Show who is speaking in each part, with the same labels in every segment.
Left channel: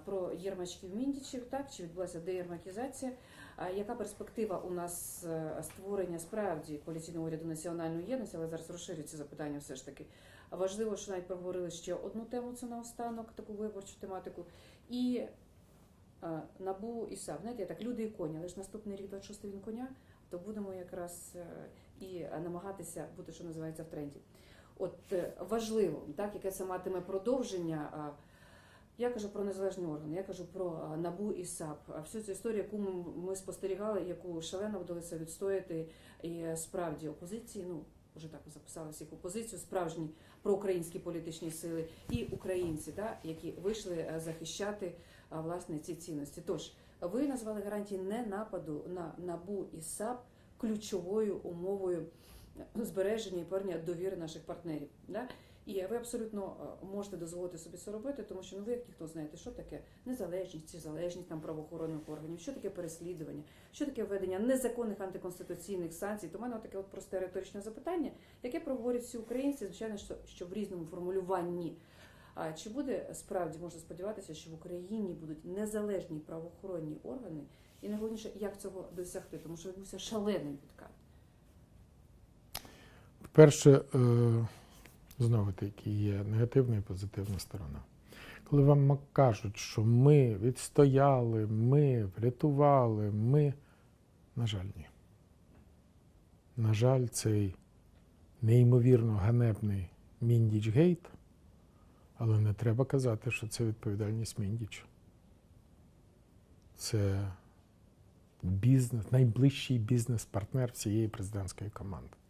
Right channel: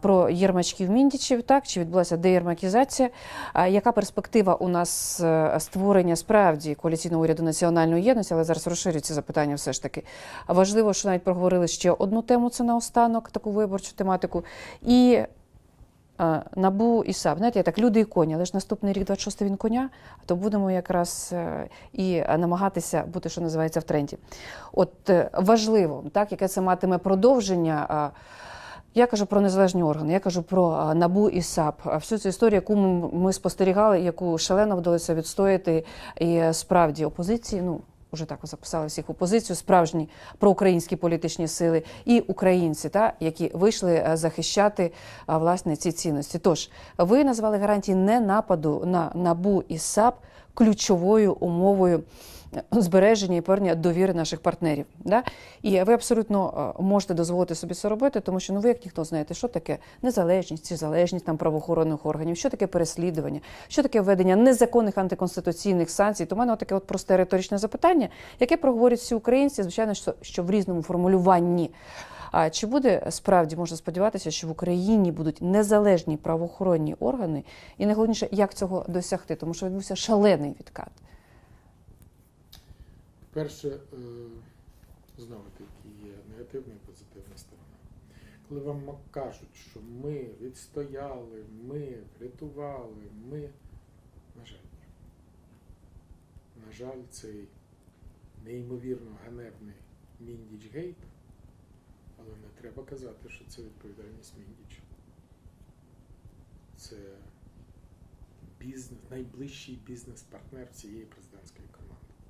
Speaker 1: Про єрмачків міндічів, так чи відбулася деєрмакізація? Яка перспектива у нас е, створення справді коаліційного уряду національної єдності? Але зараз розширюється запитання все ж таки. Важливо, що навіть проговорили ще одну тему. Це наостанок, таку виборчу тематику. І е, набу і САП. Знаєте, я так люди і коні, але ж наступний рік 26 він коня, то будемо якраз е, і намагатися бути, що називається, в тренді. От важливо, так, яке це матиме продовження. Я кажу про незалежні органи, я кажу про НАБУ і САП. Всю цю історію, яку ми, ми спостерігали, яку шалено вдалося відстояти, і е, справді опозиції, ну вже так записали всіх опозицію, справжні проукраїнські політичні сили і українці, та які вийшли е, захищати власне ці цінності. Тож ви назвали гарантії не нападу на НАБУ і САП ключовою умовою збереження і повернення довіри наших партнерів. Да? І ви абсолютно е, можете дозволити собі це робити, тому що ну ви як ніхто знаєте, що таке незалежність чи залежність там правоохоронних органів, що таке переслідування, що таке введення незаконних антиконституційних санкцій. То в мене таке от просте риторичне запитання, яке проговорять всі українці, звичайно, що, що в різному формулюванні. А чи буде справді можна сподіватися, що в Україні будуть незалежні правоохоронні органи, і найголовніше, як цього досягти, тому що відбувся шалений відкат.
Speaker 2: Перше, е, знову таки, є негативна і позитивна сторона. Коли вам кажуть, що ми відстояли, ми врятували, ми, на жаль, ні. На жаль, цей неймовірно ганебний Міндіч Гейт, але не треба казати, що це відповідальність Міндіча. Це бізнес, найближчий бізнес-партнер всієї президентської команди.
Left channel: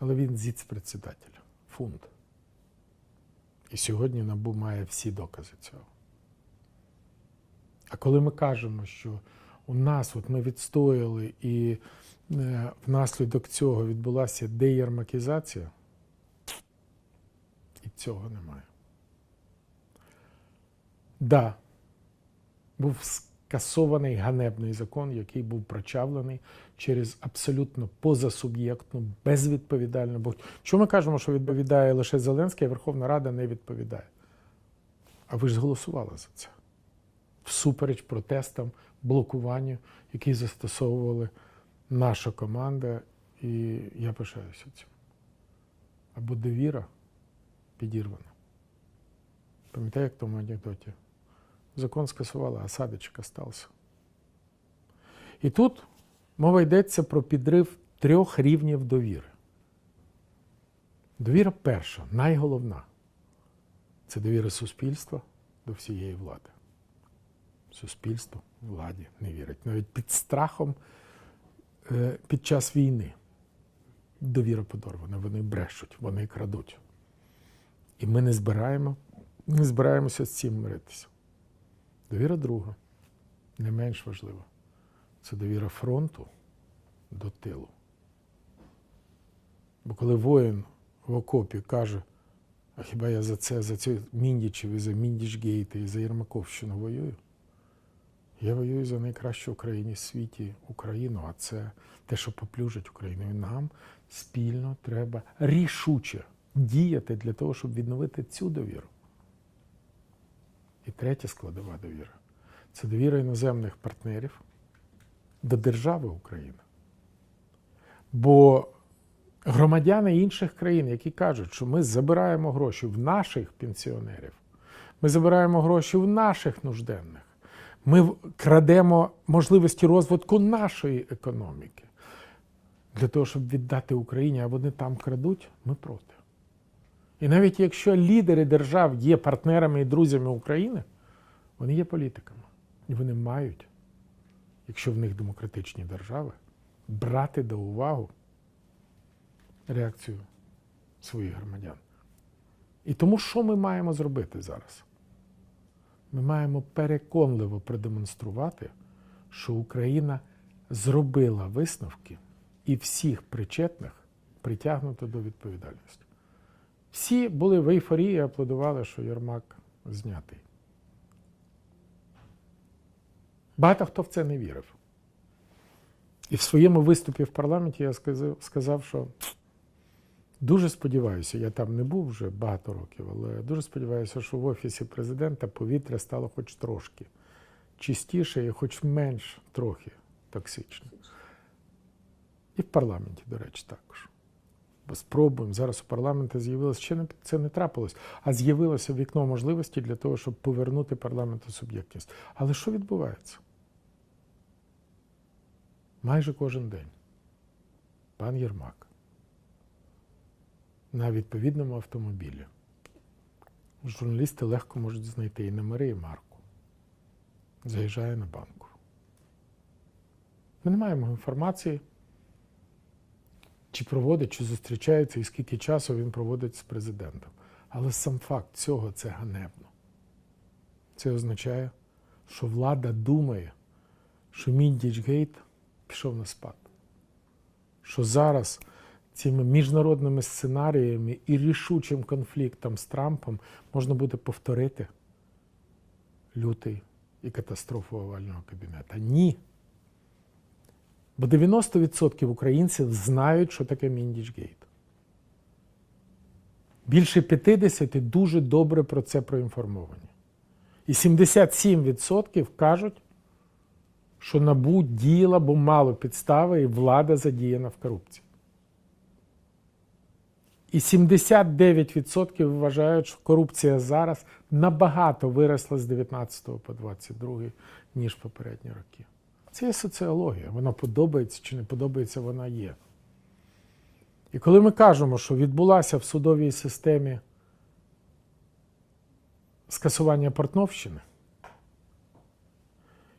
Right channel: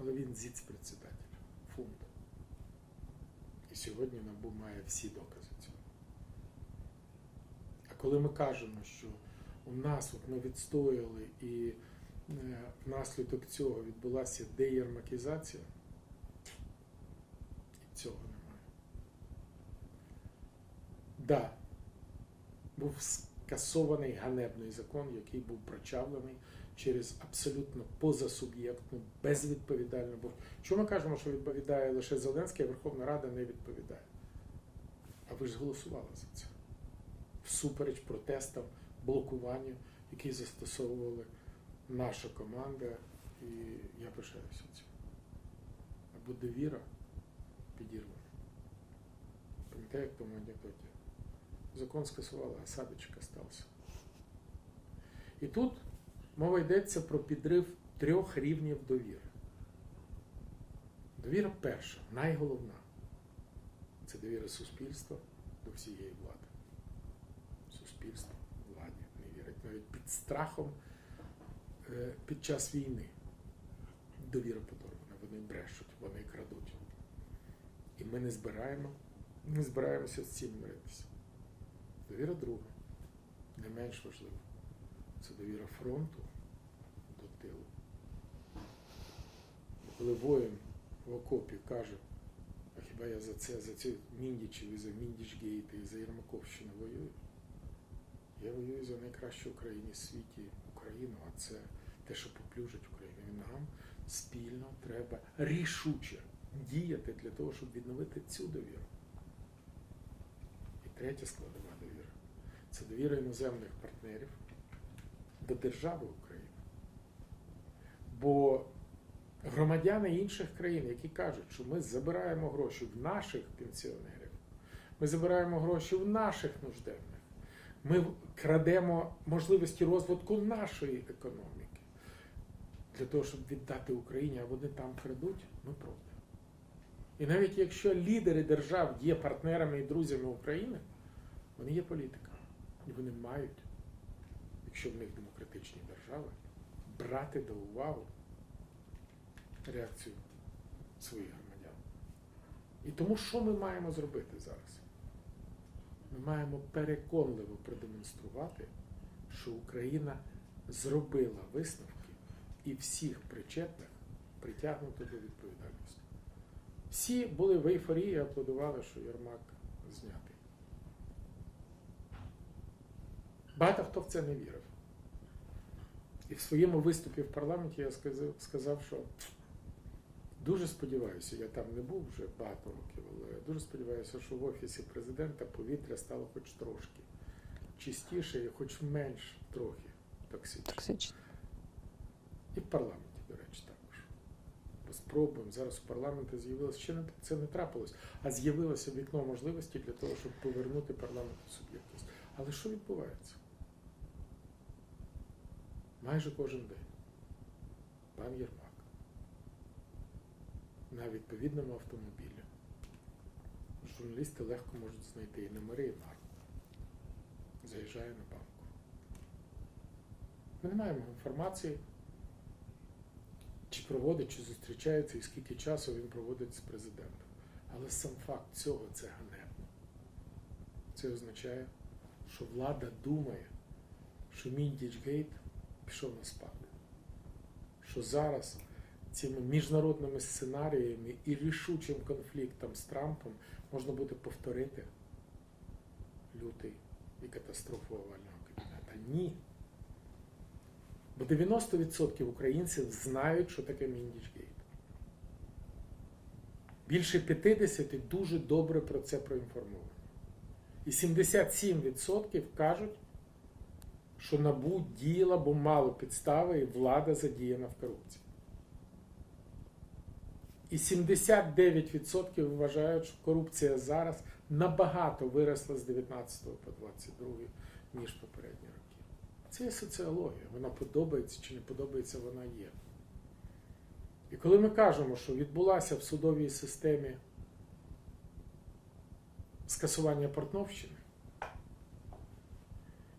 Speaker 2: Але він зіц-председатель, фунт. І сьогодні НАБУ має всі докази цього. А коли ми кажемо, що у нас от ми відстояли і е, внаслідок цього відбулася деєрмакізація, і цього немає. Да, був скасований ганебний закон, який був прочавлений через абсолютно позасуб'єктну, безвідповідальну. Бо що ми кажемо, що відповідає лише Зеленський, а Верховна Рада не відповідає. А ви ж голосували за це. Всупереч протестам, блокуванню, які застосовували наша команда, і я пишаюся цим. Або довіра підірвана. Пам'ятаєте, як в тому анекдоті? Закон скасували, а садочок остався. І тут мова йдеться про підрив трьох рівнів довіри. Довіра перша, найголовна це довіра суспільства до всієї влади. Суспільство владі не вірить. Навіть під страхом е, під час війни довіра подорвана, вони брешуть, вони крадуть. І ми не збираємо, не збираємося з цим миритися. Довіра друга, не менш важлива. Це довіра фронту до тилу. Бо коли воїн в окопі каже, а хіба я за це, за цю Міндічів і за Міндічгейти і за Єрмаковщину воюю? Я воюю за найкращу Україні в світі Україну, а це те, що поплюжить Україну. І нам спільно треба рішуче діяти для того, щоб відновити цю довіру. І третя складова довіра це довіра іноземних партнерів до держави України. Bо громадяни інших країн, які кажуть, що ми забираємо гроші в наших пенсіонерів, ми забираємо гроші в наших нужденних, ми крадемо можливості розвитку нашої економіки. Для того, щоб віддати Україні, а вони там крадуть, ми проти. І навіть якщо лідери держав є партнерами і друзями України, вони є політиками. І вони мають, якщо в них демократичні держави, брати до уваги реакцію своїх громадян. І тому що ми маємо зробити зараз? Ми маємо переконливо продемонструвати, що Україна зробила висновки і всіх причетних притягнути до відповідальності. Всі були в ейфорії, і аплодували, що Єрмак знятий. Багато хто в це не вірив. І в своєму виступі в парламенті я сказав, що Дуже сподіваюся, я там не був вже багато років, але дуже сподіваюся, що в офісі президента повітря стало хоч трошки чистіше і хоч менш трохи токсичне. І в парламенті, до речі, також. Спробуємо. Зараз у парламенті з'явилося, ще не, це не трапилось, а з'явилося вікно можливості для того, щоб повернути парламенту суб'єктність. Але що відбувається? Майже кожен день. Пан Єрмак на відповідному автомобілі. Журналісти легко можуть знайти і номери, і марку. Заїжджає на банку. Ми не маємо інформації, чи проводить, чи зустрічається, і скільки часу він проводить з президентом. Але сам факт цього це ганебно. Це означає, що влада думає, що Міндічгейт пішов на спад. Що зараз цими міжнародними сценаріями і рішучим конфліктом з Трампом можна буде повторити лютий і катастрофу овального кабінета. Ні. Бо 90% українців знають, що таке Міндічгейт. Більше 50% дуже добре про це проінформовані. І 77% кажуть, що НАБУ діяла, бо мало підстави, і влада задіяна в корупції. І 79% вважають, що корупція зараз набагато виросла з 19 по 22, ніж попередні роки. Це є соціологія. Вона подобається чи не подобається, вона є. І коли ми кажемо, що відбулася в судовій системі скасування Портновщини,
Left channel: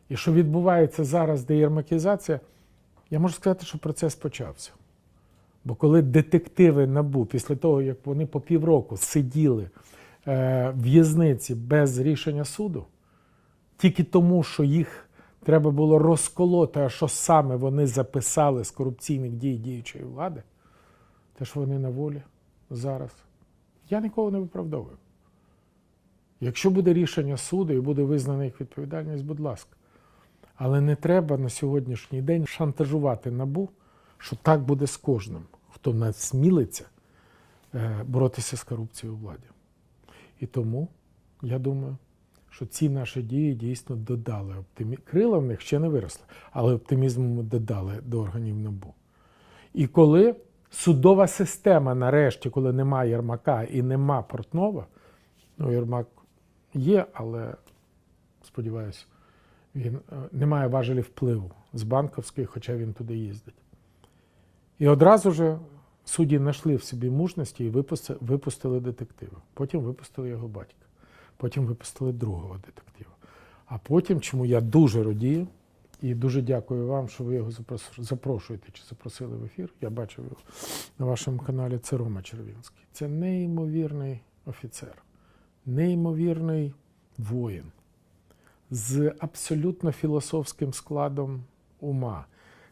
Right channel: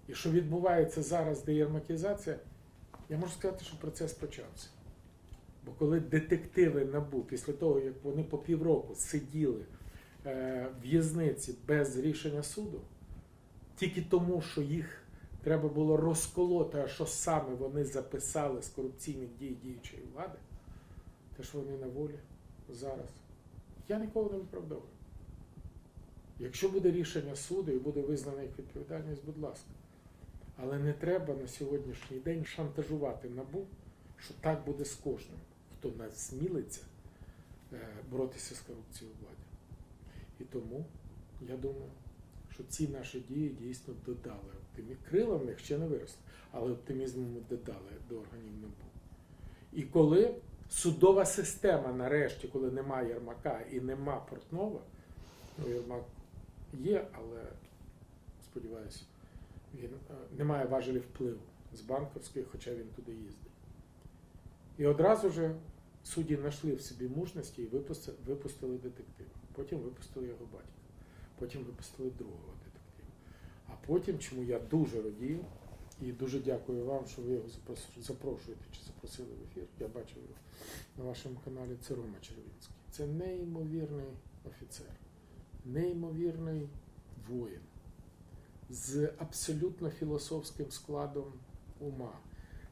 Speaker 2: і що відбувається зараз деєрмакізація, я можу сказати, що процес почався. Бо коли детективи НАБУ, після того, як вони по півроку сиділи е, в в'язниці без рішення суду, тільки тому, що їх треба було розколоти, а що саме вони записали з корупційних дій діючої влади, те, що вони на волі зараз, я нікого не виправдовую. Якщо буде рішення суду і буде визнана їх відповідальність, будь ласка. Але не треба на сьогоднішній день шантажувати набу, що так буде з кожним, хто насмілиться е, боротися з корупцією у владі. І тому я думаю, що ці наші дії дійсно додали оптимізм. Крила в них ще не виросли, але оптимізму ми додали до органів НАБУ. І коли судова система, нарешті, коли немає Єрмака і нема Портнова, ну Єрмак є, але сподіваюся, він е, не має важелі впливу з банковської, хоча він туди їздить. І одразу ж судді знайшли в собі мужності і випустили детектива. Потім випустили його батька. Потім випустили другого детектива. А потім, чому я дуже радію, і дуже дякую вам, що ви його запрошуєте чи запросили в ефір. Я бачив його на вашому каналі. Це Рома Червінський. Це неймовірний офіцер, неймовірний воїн з абсолютно філософським складом ума,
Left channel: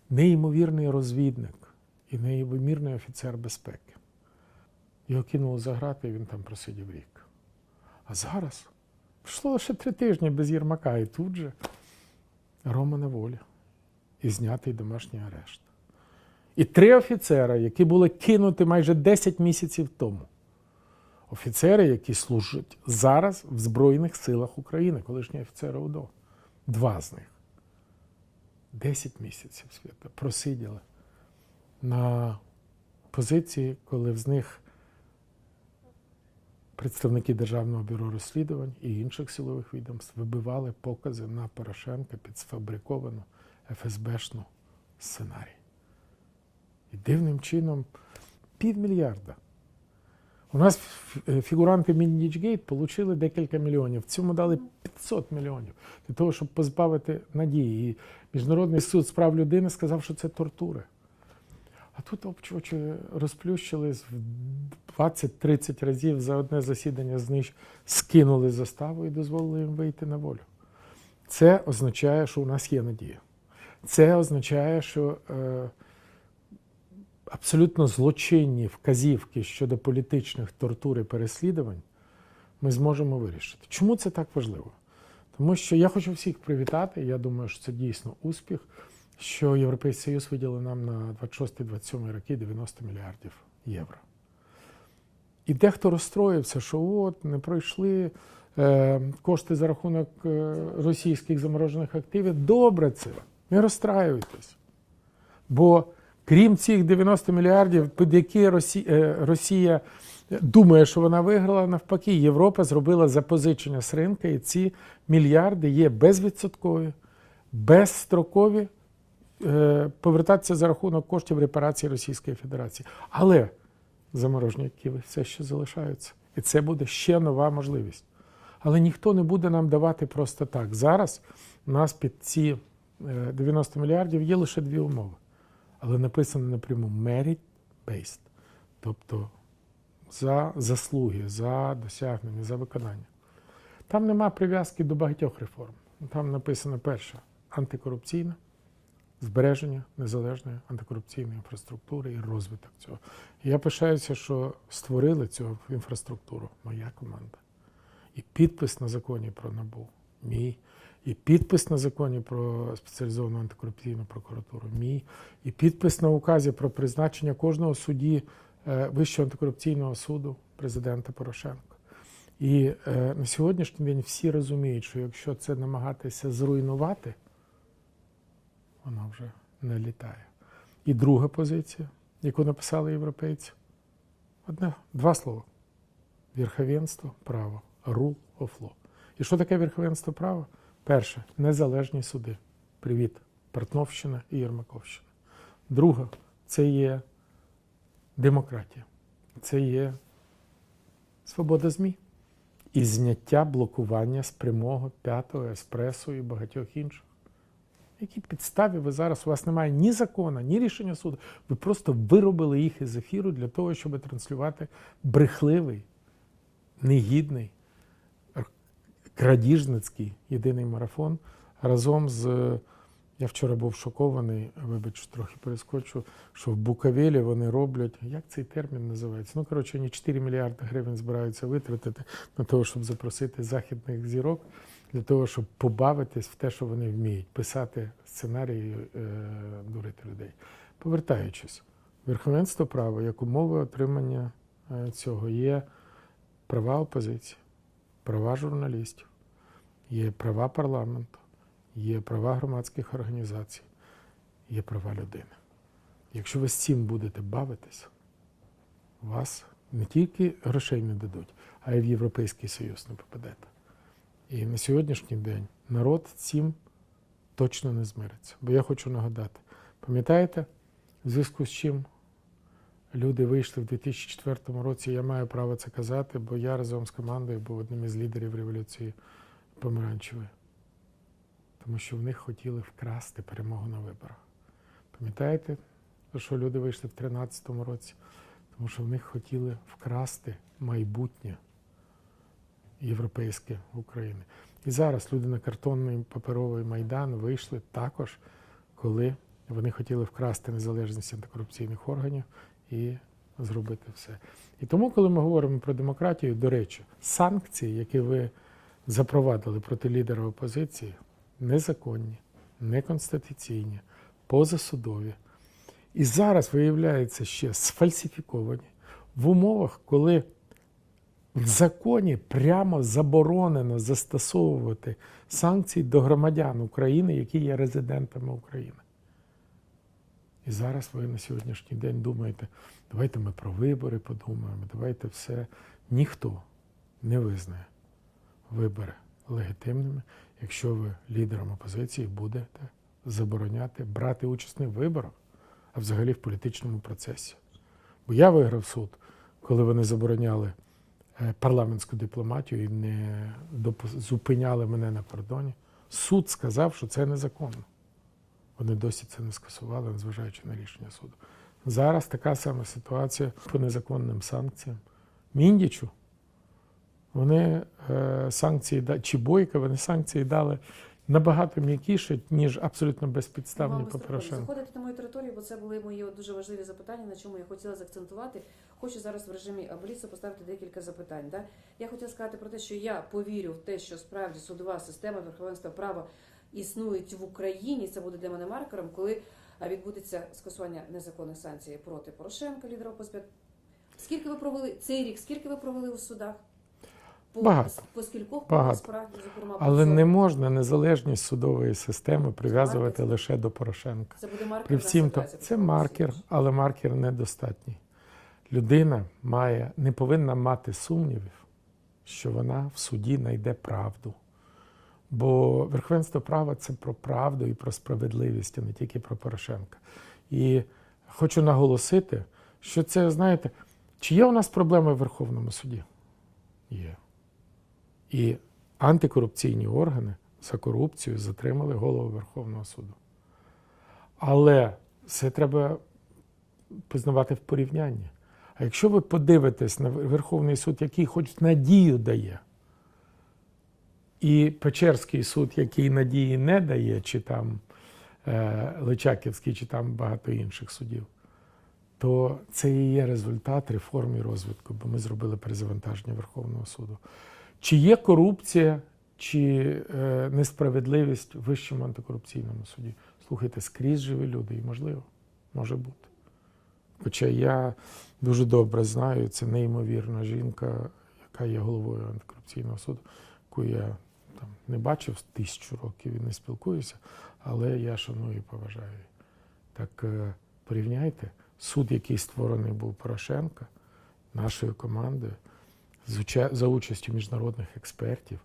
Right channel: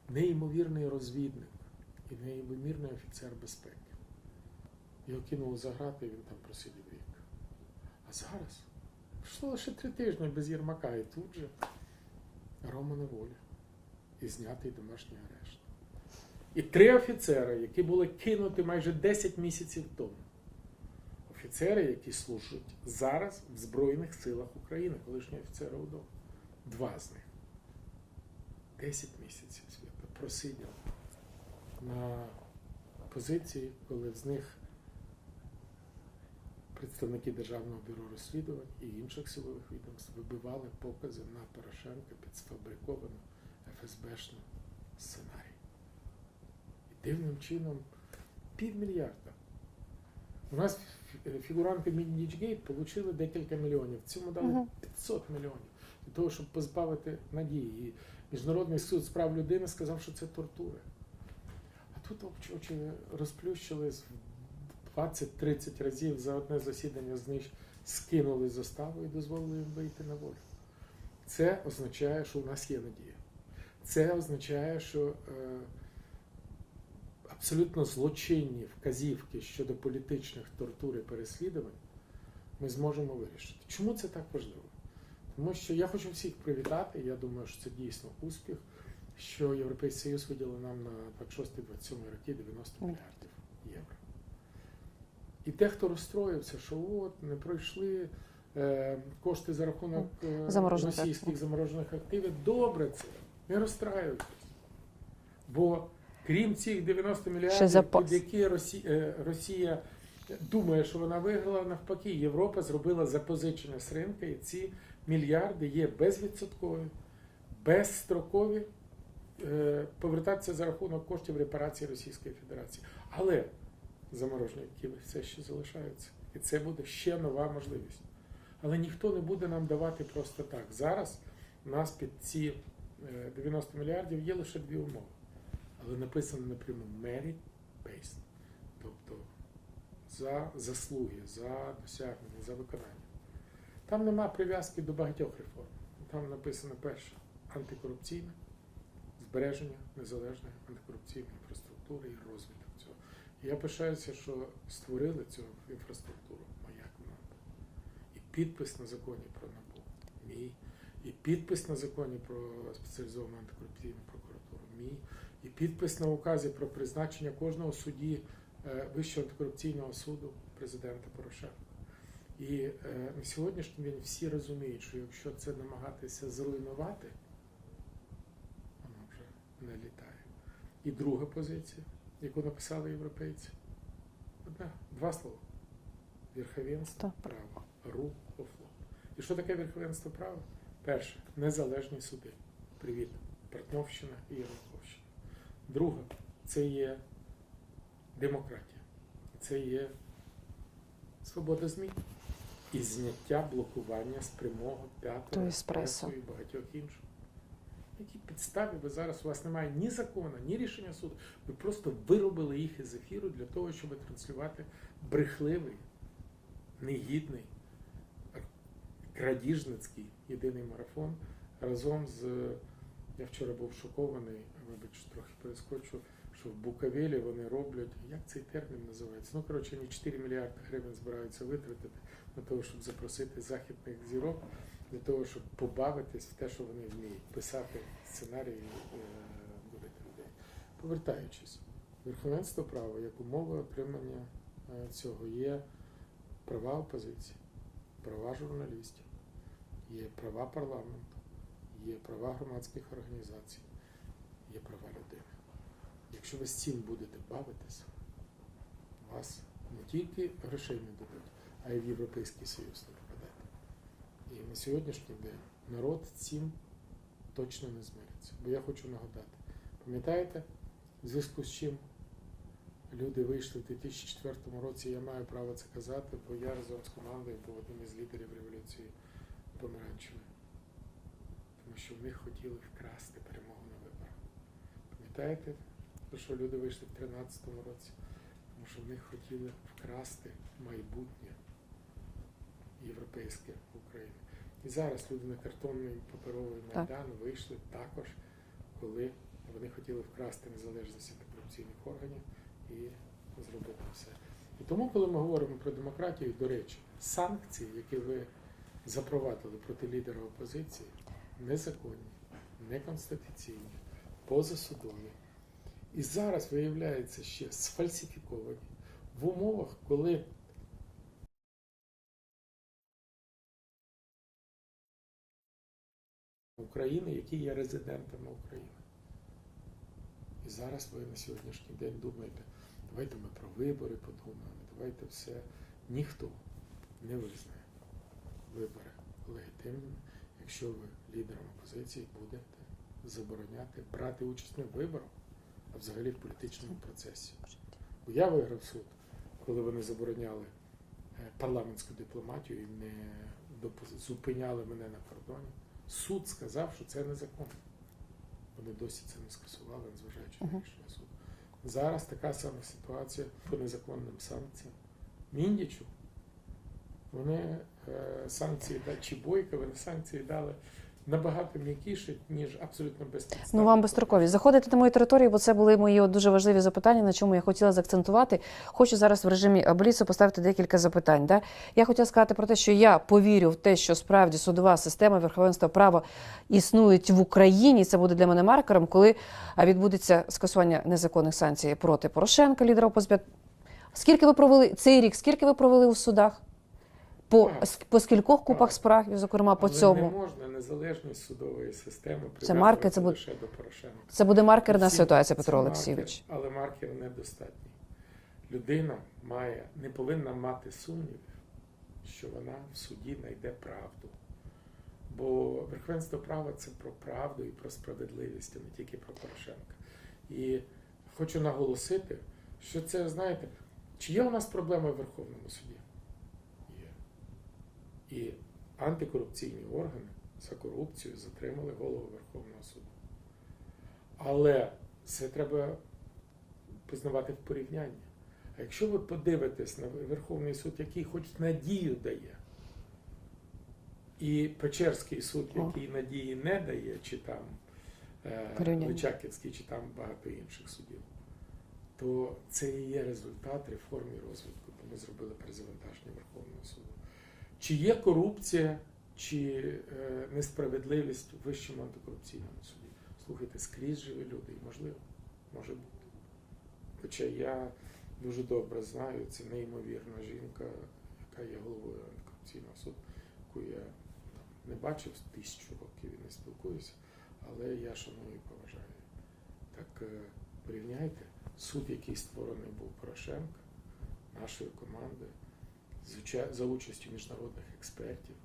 Speaker 2: неймовірний розвідник і неймовірний офіцер безпеки. Його кинули за грати, і він там просидів рік. А зараз пішло лише три тижні без Єрмака, і тут же Рома на волі. І знятий домашній арешт. І три офіцера, які були кинуті майже 10 місяців тому. Офіцери, які служать зараз в Збройних силах України, колишні офіцери УДО. Два з них. 10 місяців свята просиділи на позиції, коли з них представники Державного бюро розслідувань і інших силових відомств вибивали покази на Порошенка під сфабриковану ФСБшну сценарій. І дивним чином півмільярда. У нас фігуранти Міндічгейт отримали декілька міліонів. Цьому дали 500 мільйонів для того, щоб позбавити надії. І Міжнародний суд з прав людини сказав, що це тортури. А тут обчочі розплющились в 20-30 разів за одне засідання з них скинули заставу і дозволили їм вийти на волю. Це означає, що у нас є надія. Це означає, що е, абсолютно злочинні вказівки щодо політичних тортур і переслідувань ми зможемо вирішити. Чому це так важливо? Тому що я хочу всіх привітати. Я думаю, що це дійсно успіх, що Європейський Союз виділив нам на 26-27 роки 90 мільярдів євро. І дехто розстроївся, що от не пройшли е, кошти за рахунок е, російських заморожених активів. Добре це. Не розстраюйтесь. Бо крім цих 90 мільярдів, під які Росія, е, Росія думає, що вона виграла, навпаки, Європа зробила запозичення з ринка, і ці мільярди є безвідсоткові, безстрокові, е, повертатися за рахунок коштів репарації Російської Федерації. Але заморожені активи все ще залишаються. І це буде ще нова можливість. Але ніхто не буде нам давати просто так. Зараз у нас під ці е, 90 мільярдів є лише дві умови. Але написано напряму merit-based, тобто за заслуги, за досягнення, за виконання. Там нема прив'язки до багатьох реформ. Там написано перше антикорупційна, збереження незалежної антикорупційної інфраструктури і розвиток цього. І я пишаюся, що створили цю інфраструктуру моя команда. І підпис на законі про НАБУ мій, і підпис на законі про спеціалізовану антикорупційну прокуратуру мій, і підпис на указі про призначення кожного судді е, Вищого антикорупційного суду президента Порошенка. І е, на сьогоднішній день всі розуміють, що якщо це намагатися зруйнувати, воно вже не літає. І друга позиція, яку написали європейці, одне, два слова. Верховенство права. Rule of law. І що таке верховенство права? Перше, незалежні суди. Привіт, Портновщина і Єрмаковщина. Друге, це є демократія. Це є свобода ЗМІ і зняття блокування з прямого п'ятого
Speaker 1: еспресо
Speaker 2: і багатьох інших. Які підставі ви зараз? У вас немає ні закону, ні рішення суду. Ви просто виробили їх із ефіру для того, щоб транслювати брехливий, негідний, крадіжницький єдиний марафон разом з. Я вчора був шокований, вибач, трохи перескочу, що в Буковелі вони роблять, як цей термін називається? Ну, коротше, вони 4 мільярди гривень збираються витратити на того, щоб запросити західних зірок, для того, щоб побавитись в те, що вони вміють, писати сценарії, е, дурити людей. Повертаючись, верховенство права як умови отримання е, цього є права опозиції, права журналістів, є права парламенту, є права громадських організацій, є права людини. Якщо ви з цим будете бавитися, вас не тільки грошей не дадуть, а й в Європейський Союз не попадете. І на сьогоднішній день народ цим точно не змириться. Бо я хочу нагадати, пам'ятаєте, в зв'язку з чим люди вийшли в 2004 році, я маю право це казати, бо я разом з командою був одним із лідерів революції помаранчевої. Тому що в них хотіли вкрасти перемогу на виборах. Пам'ятаєте, що люди вийшли в 2013 році? Тому що в них хотіли вкрасти майбутнє європейське України. І зараз люди на картонний паперовий майдан вийшли також, коли вони хотіли вкрасти незалежність антикорупційних органів і зробити все. І тому, коли ми говоримо про демократію, до речі, санкції, які ви запровадили проти лідера опозиції, незаконні, неконституційні, позасудові. І зараз виявляється ще сфальсифіковані в умовах, коли в законі прямо заборонено застосовувати санкції до громадян України, які є резидентами України. І зараз ви на сьогоднішній день думаєте, давайте ми про вибори подумаємо, давайте все. Ніхто не визнає вибори легітимними, якщо ви лідером опозиції будете забороняти брати участь не в виборах, а взагалі в політичному процесі. Бо я виграв суд, коли вони забороняли парламентську дипломатію і не зупиняли мене на кордоні. Суд сказав, що це незаконно. Вони досі це не скасували, незважаючи на рішення суду. Зараз така сама ситуація по незаконним санкціям. Міндічу вони е, санкції чи бойка, вони санкції дали набагато м'якіше, ніж абсолютно безпідставно.
Speaker 1: Ну, вам безстрокові. Заходите на мою територію, бо це були мої дуже важливі запитання, на чому я хотіла заакцентувати. Хочу зараз в режимі Бліцу поставити декілька запитань. Да? Я хотіла сказати про те, що я повірю в те, що справді судова система верховенства права існують в Україні. Це буде для мене маркером, коли відбудеться скасування незаконних санкцій проти Порошенка, лідера опозиції. Скільки ви провели цей рік? Скільки ви провели у судах? По,
Speaker 2: Багато.
Speaker 1: по скількох купах
Speaker 2: Багато.
Speaker 1: справ, зокрема по
Speaker 2: Але
Speaker 1: цьому?
Speaker 2: не можна незалежність судової системи
Speaker 1: маркер,
Speaker 2: прив'язувати
Speaker 1: це буде-
Speaker 2: лише до Порошенка.
Speaker 1: Це буде маркерна
Speaker 2: всім
Speaker 1: ситуація, Петро
Speaker 2: це
Speaker 1: Олексійович.
Speaker 2: маркер, але маркер недостатній. Людина має, не повинна мати сумнівів, що вона в суді знайде правду. Бо верховенство права це про правду і про справедливість, а не тільки про Порошенка. І хочу наголосити, що це, знаєте, чи є у нас проблеми в Верховному суді? Є. І антикорупційні органи за корупцію затримали голову Верховного суду. Але це треба признавати в порівнянні. А якщо ви подивитесь на Верховний суд, який хоч надію дає, і Печерський суд, який надії не дає, чи там е, Личаківський, чи там багато інших судів, то це і є результат реформ і розвитку, бо ми зробили перезавантаження Верховного суду. Чи є корупція, чи е, несправедливість в Вищому антикорупційному суді? Слухайте, скрізь живі люди, і можливо, може бути. Хоча я дуже добре знаю, це неймовірна жінка, яка є головою антикорупційного суду, яку я там, не бачив тисячу років і не спілкуюся, але я шаную і поважаю. Так е, порівняйте, суд, який створений був Порошенка, нашою командою, за участю міжнародних експертів,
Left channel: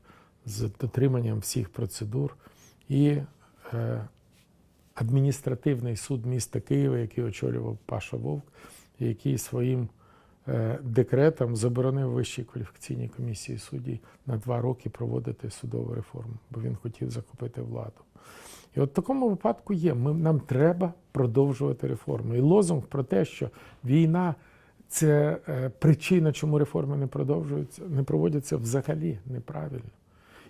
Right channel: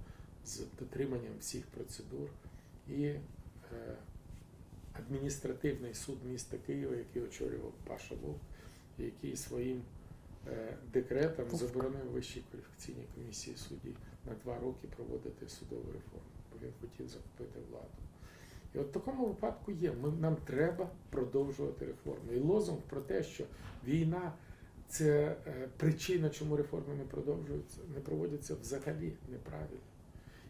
Speaker 2: з дотриманням всіх процедур, і е, адміністративний суд міста Києва, який очолював Паша Вовк, який своїм е, декретом заборонив Вищій кваліфікаційній комісії суддів на два роки проводити судову реформу, бо він хотів захопити владу. І от в такому випадку є. Ми, нам треба продовжувати реформи. І лозунг про те, що війна це е, причина, чому реформи не продовжуються, не проводяться взагалі неправильно.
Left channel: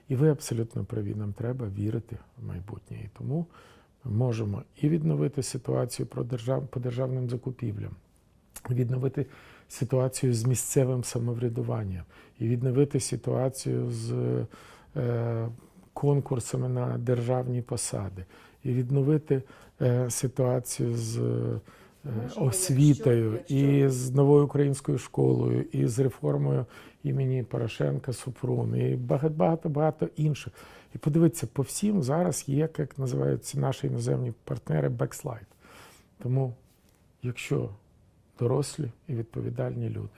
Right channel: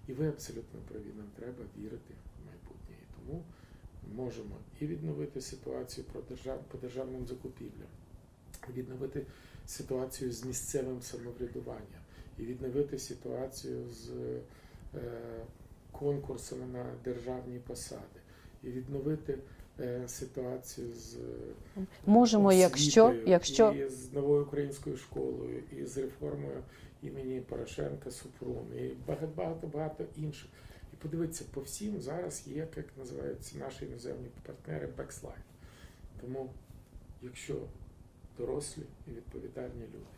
Speaker 2: І ви абсолютно праві. Нам треба вірити в майбутнє. І тому можемо і відновити ситуацію про держав, по державним закупівлям, відновити ситуацію з місцевим самоврядуванням, і відновити ситуацію з е, конкурсами на державні посади, і відновити ситуацію з е,
Speaker 1: Можемо, якщо-
Speaker 2: освітою,
Speaker 1: якщо-
Speaker 2: і з новою українською школою, і з реформою імені Порошенка Супрун, і багато багато багато інших. І подивіться, по всім зараз є, як називаються наші іноземні партнери, бекслайд. Тому, якщо дорослі і відповідальні люди